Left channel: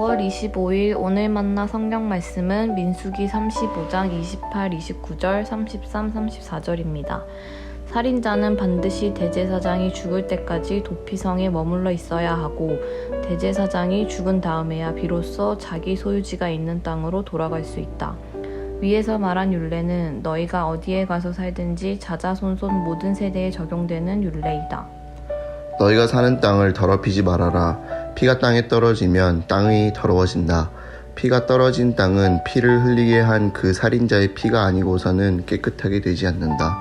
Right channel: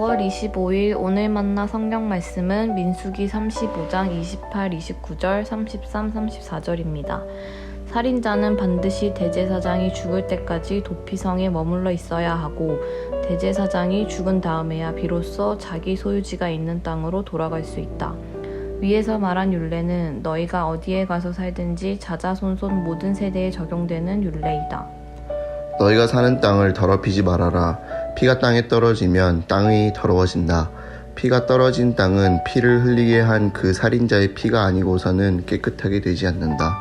5월 25일 오늘 만나 성경 말씀은 민수기 35장 28, 29절, 33, 34절입니다. 살인자는 반드시 대제사장이 죽을 때까지 도피성에 머물러 있어야 하고 대제사장이 죽은 다음에야 비로소 자기 소유지가 있는 땅으로 돌아갈 수 있다. 위에서 말한 율례는 너희가 어디에 가서 살든지 자자손손 모든 세대에 적용되는 율례이다. 너희가 사는 땅을 더럽히지 말아라. 피가 땅에 떨어지면 땅이 더러워진다. 피가 떨어진 땅은 피를 흘리게 한 그 살인자의 피가 아니고서는 깨끗하게 되지 않는다.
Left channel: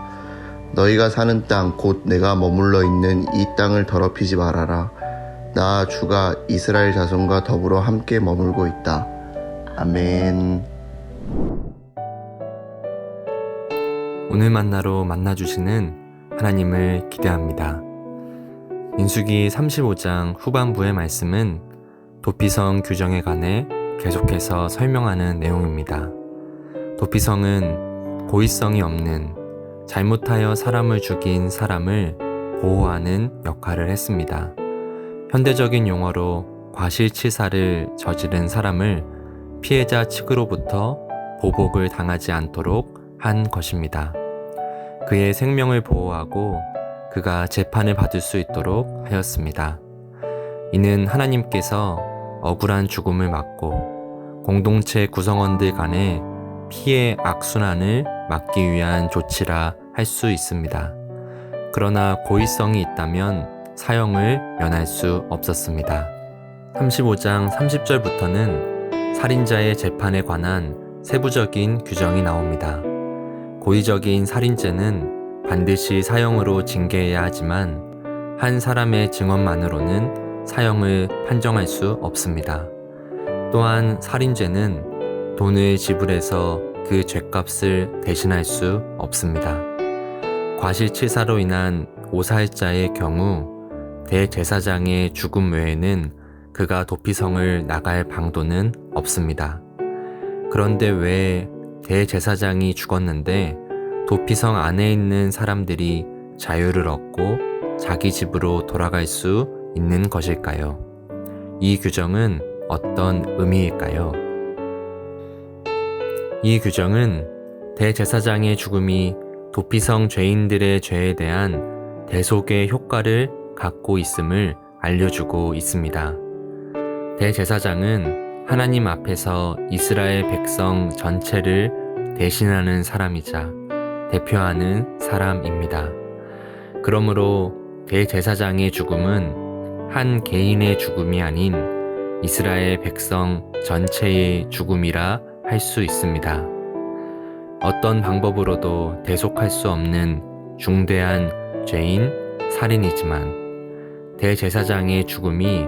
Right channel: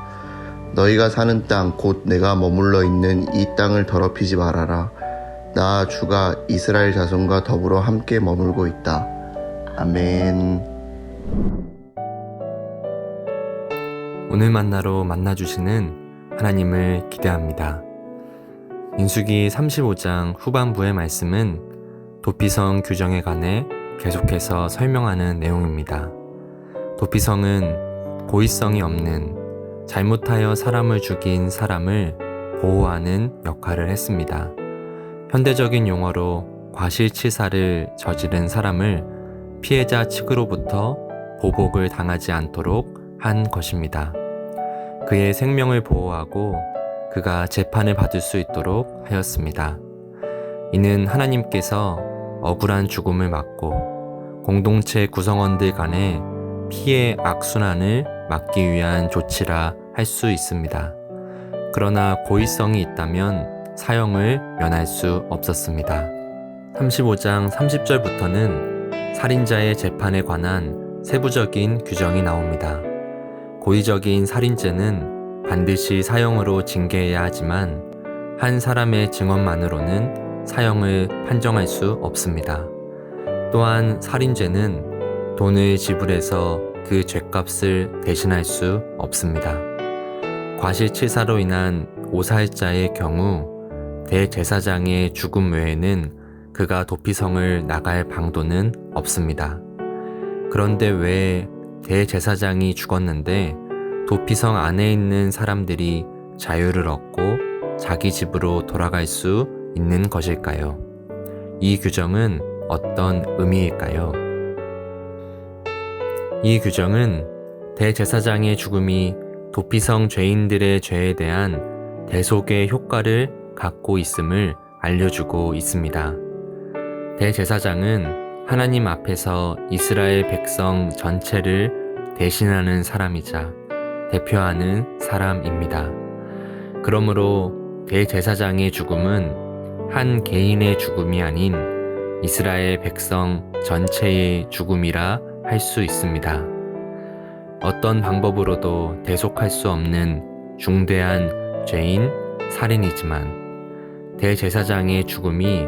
너희가 사는 땅 곧 내가 머물러 있는 이 땅을 더럽히지 말아라. 나 주가 이스라엘 자손과 더불어 함께 머물고 있다. 아멘. 오늘 만나로 만나주시는 하나님을 기대합니다. 민수기 35장 후반부의 말씀은 도피성 규정에 관해 계속해서 설명하는 내용입니다. 도피성은 고의성이 없는 잘못하여 사람을 죽인 사람을 보호하는 역할을 했습니다. 현대적인 용어로 과실치사를 저지른 사람을 피해자 측으로부터 보복을 당하지 않도록 한 것입니다. 그의 생명을 보호하고 그가 재판을 받을 수 있도록 하였습니다. 이는 하나님께서 억울한 죽음을 막고 공동체 구성원들 간의 피해 악순환을 막기 위한 조치라 할 수 있습니다. 그러나 고의성이 있다면 사형을 면할 수 없었습니다. 35장 30절부터는 살인자의 재판에 관한 세부적인 규정이 나옵니다. 고의적인 살인죄는 반드시 사형으로 징계해야 하지만 한 사람의 증언만으로는 사형을 판정할 수 없습니다. 또한 살인죄는 돈을 지불해서 그 죄값을 대신할 수 없습니다. 과실치사로 인한 오살자의 경우 대제사장의 죽음 외에는 그가 도피성을 나갈 방도는 없습니다. 그런데 왜 대제사장이 죽었는데 도피성 안에 있는 사람들이 자유를 얻고 자기 집으로 돌아갈 수 있는 것일까요? 이 규정은 어떤 의미일까요? 이 규정은 대제사장의 죽음이 도피성 죄인들의 죄에 대한 대속의 효과를 갖고 있음을 알려주고 있습니다. 대제사장은 하나님 앞에서 이스라엘 백성 전체를 대신하는 사람이자 대표하는 사람입니다. 그러므로 대제사장의 죽음은 한 개인의 죽음이 아닌 이스라엘 백성 전체의 죽음이라 할 수 있습니다. 어떤 방법으로도 대속할 수 없는 중대한 죄인 살인이지만 대제사장의 죽음이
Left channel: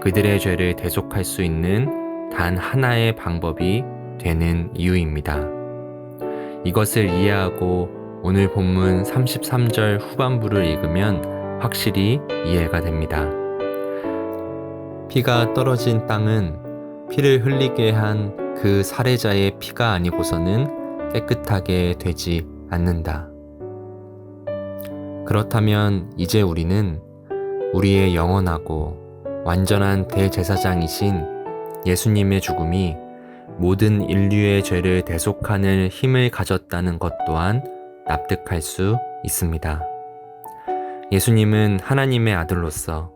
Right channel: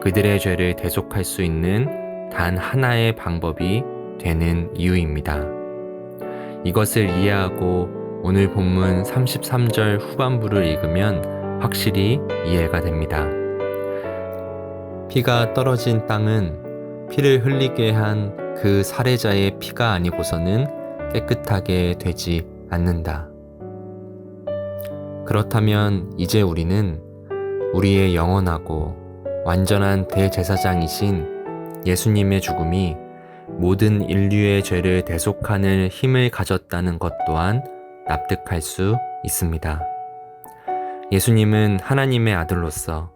그들의 죄를 대속할 수 있는 단 하나의 방법이 되는 이유입니다. 이것을 이해하고 오늘 본문 33절 후반부를 읽으면 확실히 이해가 됩니다. 피가 떨어진 땅은 피를 흘리게 한 그 살해자의 피가 아니고서는 깨끗하게 되지 않는다. 그렇다면 이제 우리는 우리의 영원하고 완전한 대제사장이신 예수님의 죽음이 모든 인류의 죄를 대속하는 힘을 가졌다는 것 또한 납득할 수 있습니다. 예수님은 하나님의 아들로서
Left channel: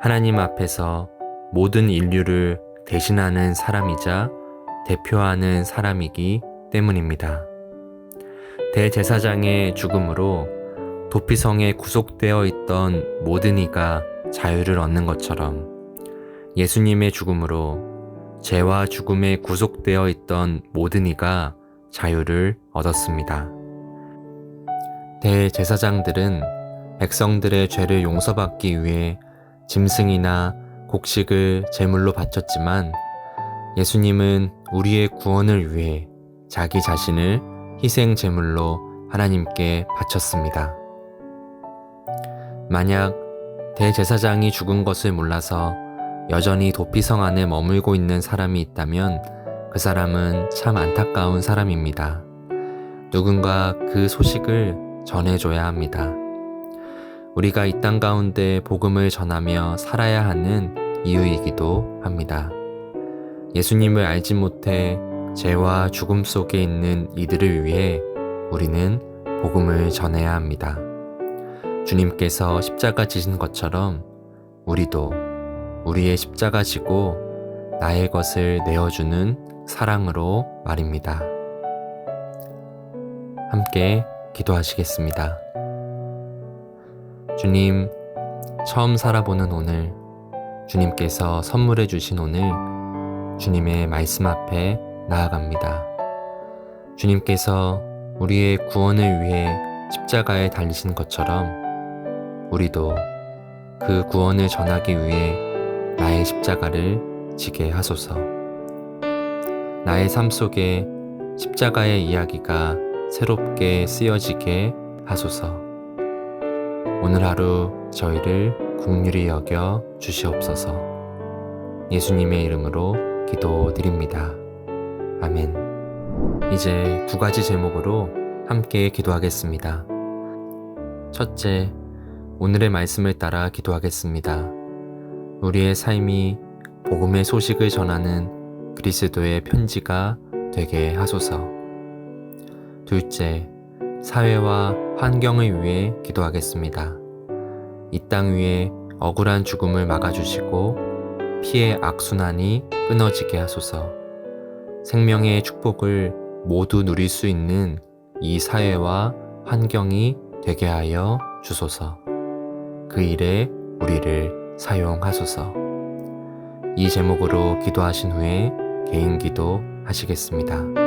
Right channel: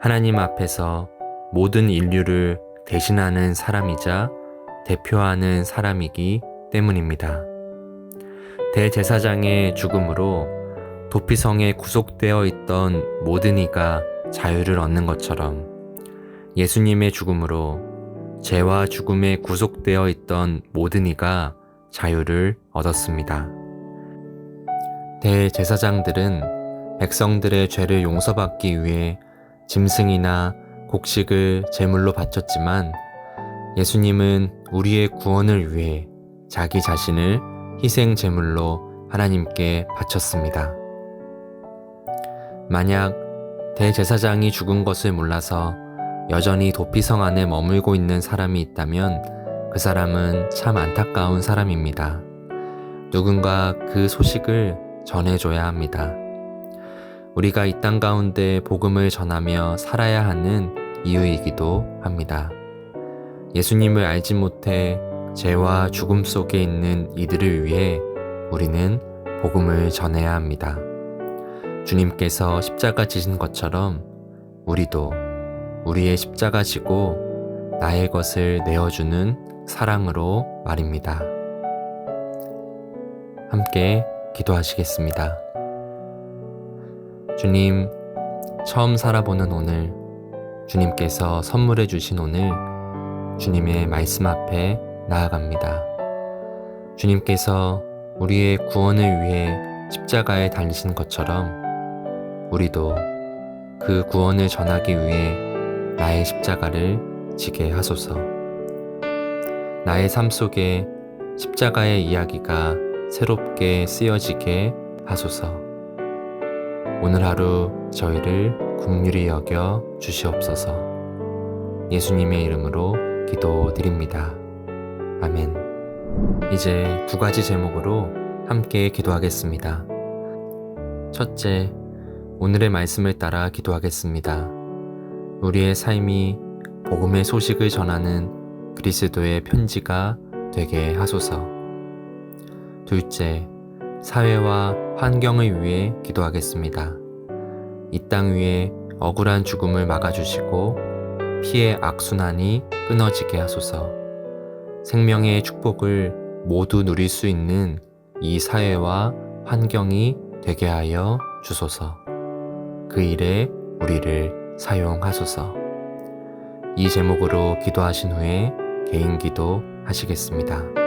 하나님 앞에서 모든 인류를 대신하는 사람이자 대표하는 사람이기 때문입니다. 대제사장의 죽음으로 도피성에 구속되어 있던 모든 이가 자유를 얻는 것처럼 예수님의 죽음으로 죄와 죽음에 구속되어 있던 모든 이가 자유를 얻었습니다. 대제사장들은 백성들의 죄를 용서받기 위해 짐승이나 곡식을 제물로 바쳤지만 예수님은 우리의 구원을 위해 자기 자신을 희생 제물로 하나님께 바쳤습니다. 만약 대제사장이 죽은 것을 몰라서 여전히 도피성 안에 머물고 있는 사람이 있다면 그 사람은 참 안타까운 사람입니다. 누군가 그 소식을 전해줘야 합니다. 우리가 이 땅 가운데 복음을 전하며 살아야 하는 이유이기도 합니다. 예수님을 알지 못해 죄와 죽음 속에 있는 이들을 위해 우리는 복음을 전해야 합니다. 주님께서 십자가 지신 것처럼 우리도 우리의 십자가 지고 나의 것을 내어주는 사랑으로 말입니다. 함께 기도하시겠습니다. 주님, 처음 살아보는 오늘, 주님께서 선물해 주신 오늘, 주님의 말씀 앞에 나아갑니다. 주님께서 우리의 구원을 위해 십자가에 달리신 것처럼 우리도 그 구원을 전하기 위해 나의 십자가를 지게 하소서. 나의 삶 속에 십자가의 이야기가 새롭게 쓰여지게 하소서. 오늘 하루 저희를 긍휼히 여겨 주시옵소서. 예수님의 이름으로 기도드립니다. 아멘. 이제 2가지 제목으로 함께 기도하겠습니다. 첫째, 오늘의 말씀을 따라 기도하겠습니다. 우리의 삶이 복음의 소식을 전하는 그리스도의 편지가 되게 하소서. 둘째, 사회와 환경을 위해 기도하겠습니다. 이 땅 위에 억울한 죽음을 막아주시고 피의 악순환이 끊어지게 하소서. 생명의 축복을 모두 누릴 수 있는 이 사회와 환경이 되게 하여 주소서. 그 일에 우리를 사용하소서. 이 제목으로 기도하신 후에 개인 기도 하시겠습니다.